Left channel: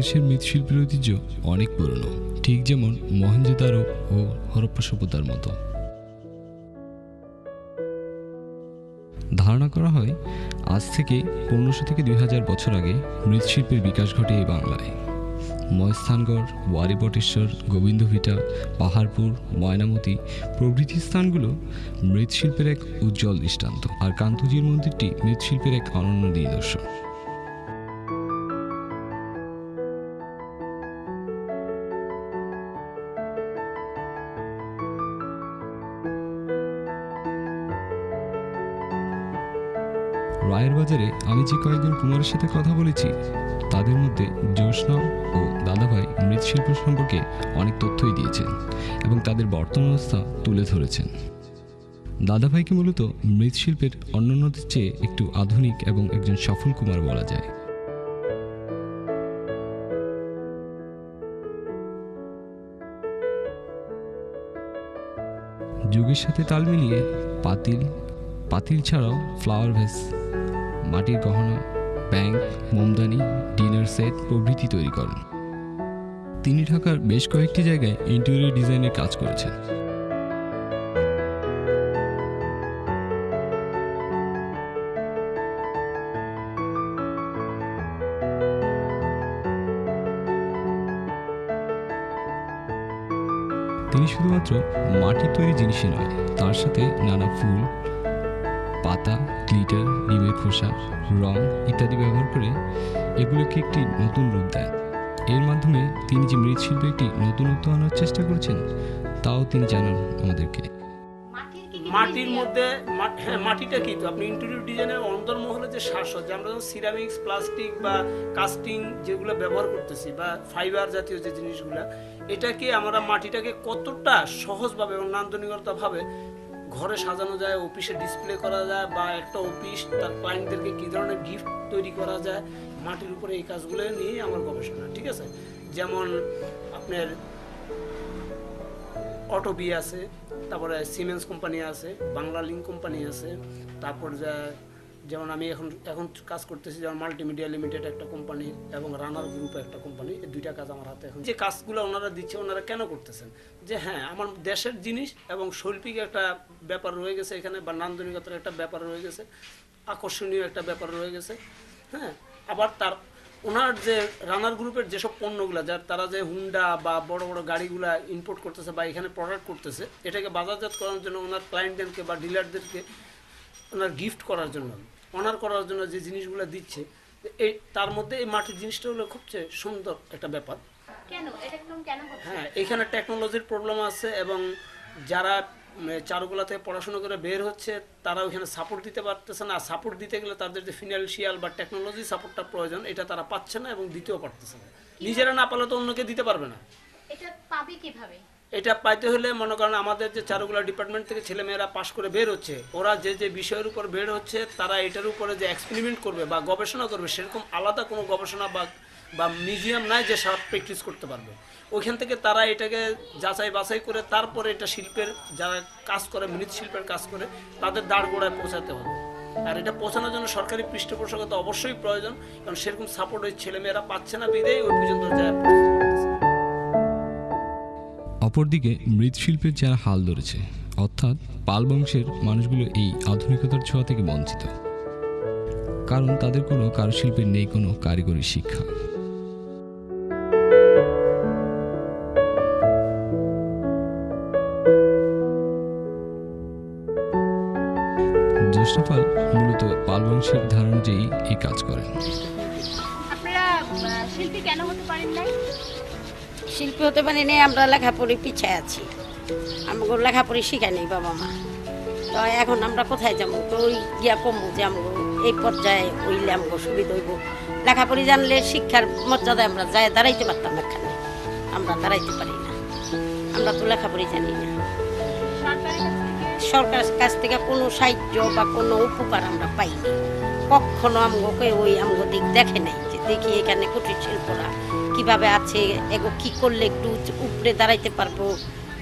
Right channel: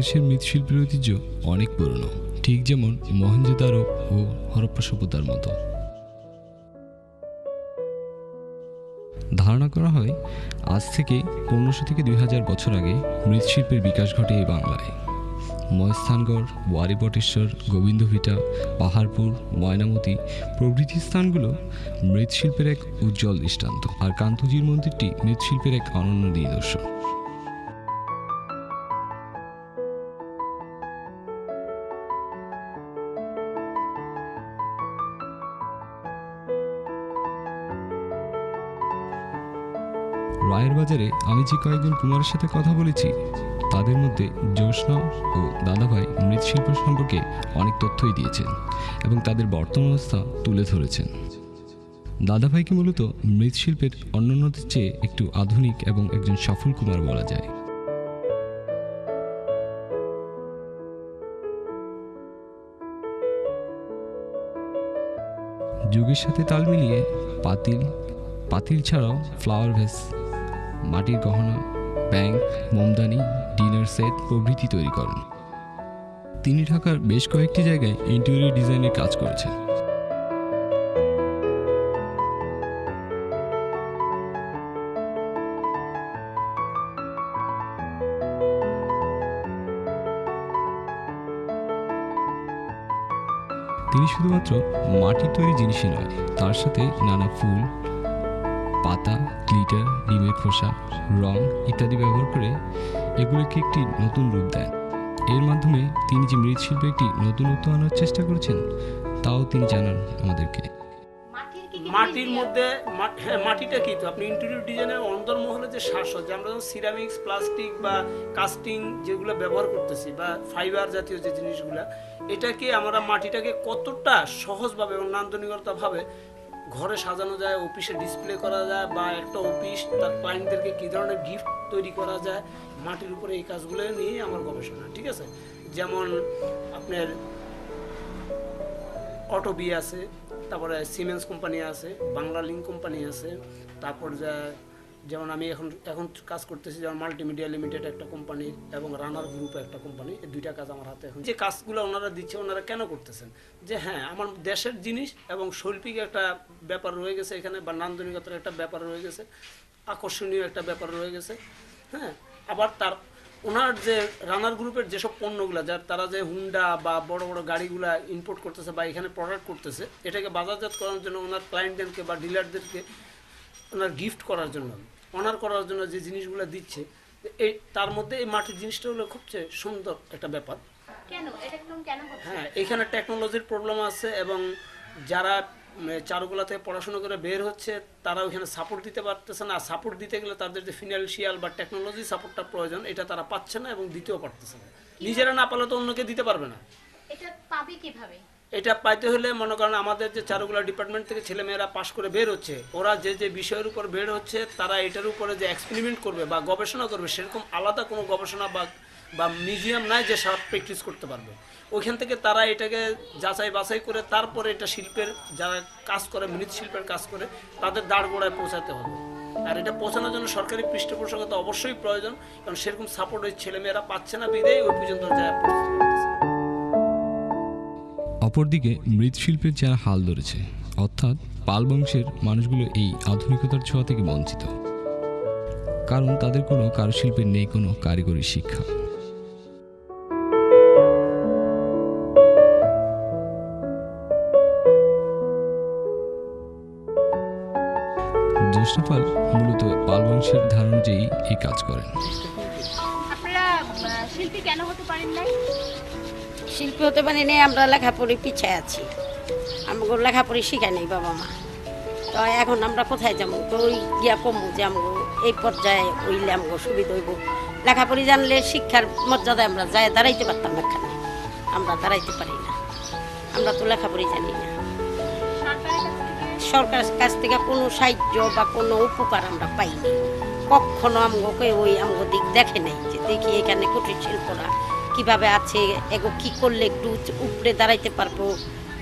বাংলাদেশের মৃৎশিল্পের ঐতিহ্য অনেক পুরনো, ঠিক যেমন মহেঞ্জোদারো ও হরপ্পা সভ্যতার মতো। ধারণা করা হয় আজ থেকে 1500 থেকে 2000 বছর আগে মৃৎশিল্পের বিকাশ ঘটে এই বাংলায়। ময়স্থানগড়, ওয়ারিবটেশ্বর, গোবিন্দভিটা, পাহাড়পুর, ময়নামতি প্রভৃতি স্থানগুলো মৃৎশিল্পের এক উজ্জ্বল দৃষ্টান্ত, আর কান্তজির মন্দিরটি মৃৎশিল্পের এক অনন্য নিদর্শন। রায়ের বাজারে আমি যে কয়েকজন কুমারের সাথে কথা বলেছি, তাদের মধ্যে জ্যোৎস্না ও দাদাভাই মৃৎশিল্প সম্পর্কে অনেক তথ্যই দিয়েছেন এবং তাদের বর্তমান অবস্থা তুলে ধরেছেন। দাদাভাইকে মূলত মৃৎশিল্পের অন্যান্যদের চেয়ে একটু আধুনিক এবং একজন সফল কুমার বলা যায়। যুগের সাথে তাল মিলিয়ে পাতিল ছাড়াও ফ্লাওয়ার ভেস, মাটির গহনা, ব্যাংক, মোমদানি, ডিনার সেট প্রভৃতি তৈরি করেন। তিনি ঢাকার বেশ কয়েকটি জায়গায় ইন্টেরিয়র ডিজাইনের কাজ করেছেন। তিনি শুধুমাত্র মাটির তৈরি জিনিসই নয়, তার সাথে নানা ফুল, পাতা, গ্লিটার, ডিমের খোসা, রং ইত্যাদি ব্যবহার করে এগুলোকে একটি নতুন রূপ দেন। এর মাধ্যমে তিনি যে মৃৎশিল্পে একটি নতুনত্ব আনার চেষ্টা করেছেন তাও তিনি জানান আমাদেরকে। মাটির মধ্যে মাটিটা কি, তো আপনি ইন্টেরিয়র ডিজাইনের অন্তর্মহলে যে সাজসজ্জা, আমরা যখন সিরামিক্স, প্লাস্টিক বা কাস্টিং যেগুলো ব্যবহার করতেছি বা ফাইবার জাতীয় যে জিনিসগুলো, এটাকে আমরা মাটিটাকে কতটা সহজভাবে এবং নান্দনিকতাভাবে ঘরে সাজানো যায়, অফিসে ডিসপ্লে করা যায়, বা একটা অফিস তার ক্লায়েন্টদেরকে কী ধরনের গিফট তৈরি করা যায়, মাটির উপরে এই কাজগুলো নিয়ে আমার গবেষণা। ঠিক আছে, যেমন আপনার অটোবি আছে, তারপরে সিমেন্স কোম্পানি আছে, বাংলা লিঙ্ক কোম্পানি আছে, তারপর যেমন আমি এখন কাজ করতেছি যেমন মাল্টিমিডিয়া লিমিটেড একটা কোম্পানি এবং রানার গ্রুপ একটা কোম্পানি, এই দুইটা কাজ আমার হাতে। এখন যে কাজগুলো ওনারা দিচ্ছে, ওনারা কেন করতেছেন, যে হ্যাঁ আমার দেশের জিনিস এবং শৈল্পিক একটা ব্যাপার রয়ে গেছে এখানে, বা নান্দনিকতার একটা ব্যাপার রয়ে গেছে, আকর্ষণীয় একটা ব্যাপার রয়ে গেছে। হ্যাঁ, আবার ওনার যে রানার গ্রুপের যেসব পণ্যগুলো, যার তারা যে হুন্ডা বা বড় বড় গাড়িগুলা ইম্পোর্ট করতেছে বা এখানে প্রোডাক্ট করতেছে, এটাকে বাজারজাত করার জন্য ওনার ক্লায়েন্টদেরকে বা ডিলারদেরকে ওনার গিফট করার জন্য, অনার করার জন্য যে জিনিসগুলো দিচ্ছে, এই তার মধ্যে এই মাটির জিনিসটা হলো খুবচেয়ে সুন্দর একটা ব্যাপার। হ্যাঁ, এখানে টেকনোলজির প্রবলেম আছে এবং যারা চারুকলা থেকে পড়াশোনা করে বের হচ্ছে তারা ওইখানে সাপোর্ট দিতে পারতেছে না। সাপোর্ট দিতে গেলে তাদের যে ফিনান্সিয়াল বা টেকনোলজি সাপোর্টটা প্রয়োজন, এটা তারা পাচ্ছে না এবং দিতেও পারতেছে না। নিজেরা না পারলে তো অন্যকে দিতে পারবে না। এটা পাবে কিভাবে? এটা পাইতে হলে মনে করেন আমাদের যে চারুকলা ডিপার্টমেন্ট থেকে ছেলেমেয়েরা পাশ করে বের হচ্ছে, ওরা যে যে বিষয়ের উপর বের হচ্ছে, তারা এটার উপরে যে এক্সপেরিমেন্ট করবে বা গবেষণা করবে, সেরকম আলাদা কোনো গবেষণা বা মিউজিয়াম নাই যে সব প্র্যাকটিস করতে পারবে। ওইখান থেকে তারা এটাকে যাচাই বাছাই করে তারপরে এটা শিল্পের যারা কাজ করে, মৃৎশিল্পের কাজ করে, তাদের দাঁড় গোড়ায় পৌঁছাতে হবে। আর এটা পৌঁছানোর জন্য সরকারি পৃষ্ঠপোষকতা অবশ্যই প্রয়োজন, কারণ সেরকম সাপোর্ট ওই ছেলেমেয়েরা পাচ্ছে না, বিদেয় ওই পর্যন্ত যায়। অপরদিকে মৃৎশিল্পের যারা হাল ধরেছে, অর্থাৎ পাল বংশের মানুষগুলো এই আধুনিকতার ছোঁয়া থেকে বঞ্চিত, কারণ তাদের কোনো কারুশিল্পের নেই কোনো কারিগরি শিক্ষা। জ্যোৎস্না পাল মূলত পাল বংশের ধারণা অনুযায়ী এই কাজ করেন। আপনারা শিল্পী কেন হতে পারেন না? শিল্পী হতে পারি না, আমরা লেখাপড়ি পিছিয়ে আছি, আমাকে লেখাপড়ি শিখায় নেই বাবা মা। তো এখন আমরা কোথায় যাবো? তো ওই গিয়া কমবো যে আমাকে এই পর্যায়ে ওইলে আমাকে সুবিধা হইব। লেখাপড়ি জানলে শিক্ষার মর্যাদায় আমরা যাই দাঁড়াইতে পারতাম, এখানে আমরা দাঁড়াইতে পারি না, আমরা তো লেখাপড়ি জানি না। সরকারের কাছ থেকে কোনো সাহায্য বা কোনো উপকার আমরা পাইনি কখনো। আমাকে আমাকে দিক দেখে নাই যে দেখি এখানে কুটির শিল্পরা কিভাবে আছে, এগো কি করলে একটু উপরে দাঁড়াইতে পারবো,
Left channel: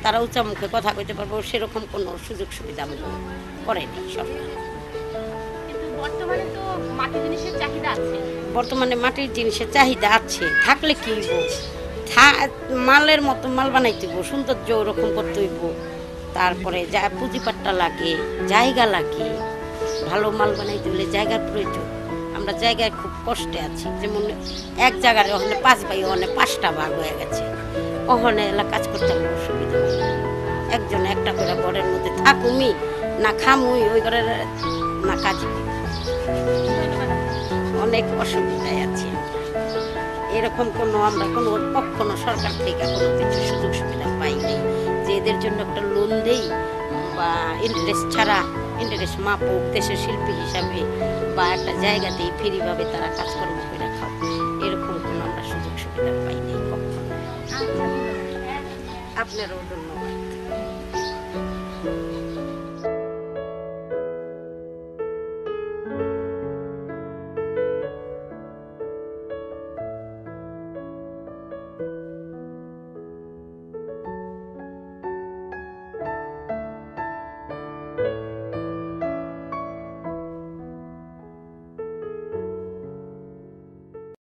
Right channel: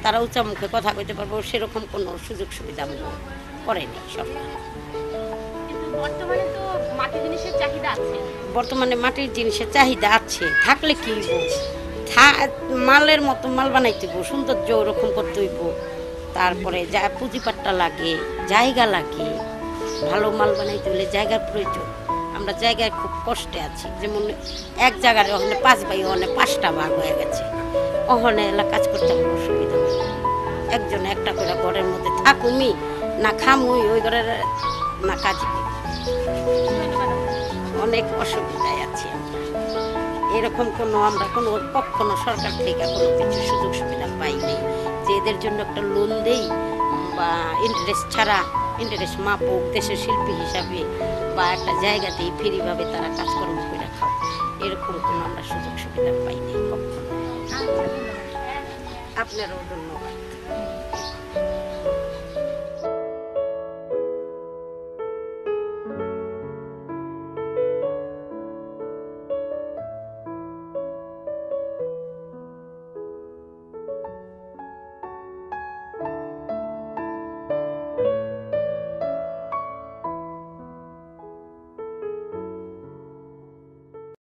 তারা উঁচা মুখে কথা কইতে পারবো, সেরকম কোনো সুযোগ সুবিধা আমাকে করেনি সরকার। বর্তমানে তো মাটির জিনিসের চাহিদা আছে। বর্তমানে মাটির জিনিসের চাহিদা আছে, থাকলে কি হইব, মালের মতো মাল বানাইতে হইব, সৌন্দর্য ওরকম করতে হইব, তারপরে যা পুঁজিপাট্টা লাগে, জায়গা লাগে, ভালো মাল বানাইতে হলে জায়গার প্রয়োজন। আমরা জায়গায় খুব কষ্টে আছি, যেমন এক জায়গার ওখানে 5 ভাই ওখানে 5টা ভাগ হয়ে গেছে, ওখানে এলা কাজ করতে আমার অসুবিধা হয়। একজন একটা করে ঘরের মধ্যে থাকুমি না খামুই, ওই ঘরের না কাজ, অনেক অসুবিধায় আছি আমরা। এরকম আমরা কখনো সরকার থেকে কোনো কিছু সুযোগ সুবিধা পাইনি যে এদের জন্য একটা লোন দেই বা ইন্টারেস্ট ছাড়া, ইন্টারেস্ট মাপুক দেশের শিল্পী হিসাবে, বা একটা জায়গা দিয়ে ফ্রিভাবে তারা কাজকর্ম করে খাও, এরকম কোনো আমরা সুযোগ সুবিধা পাইনি কখনো। আপনারও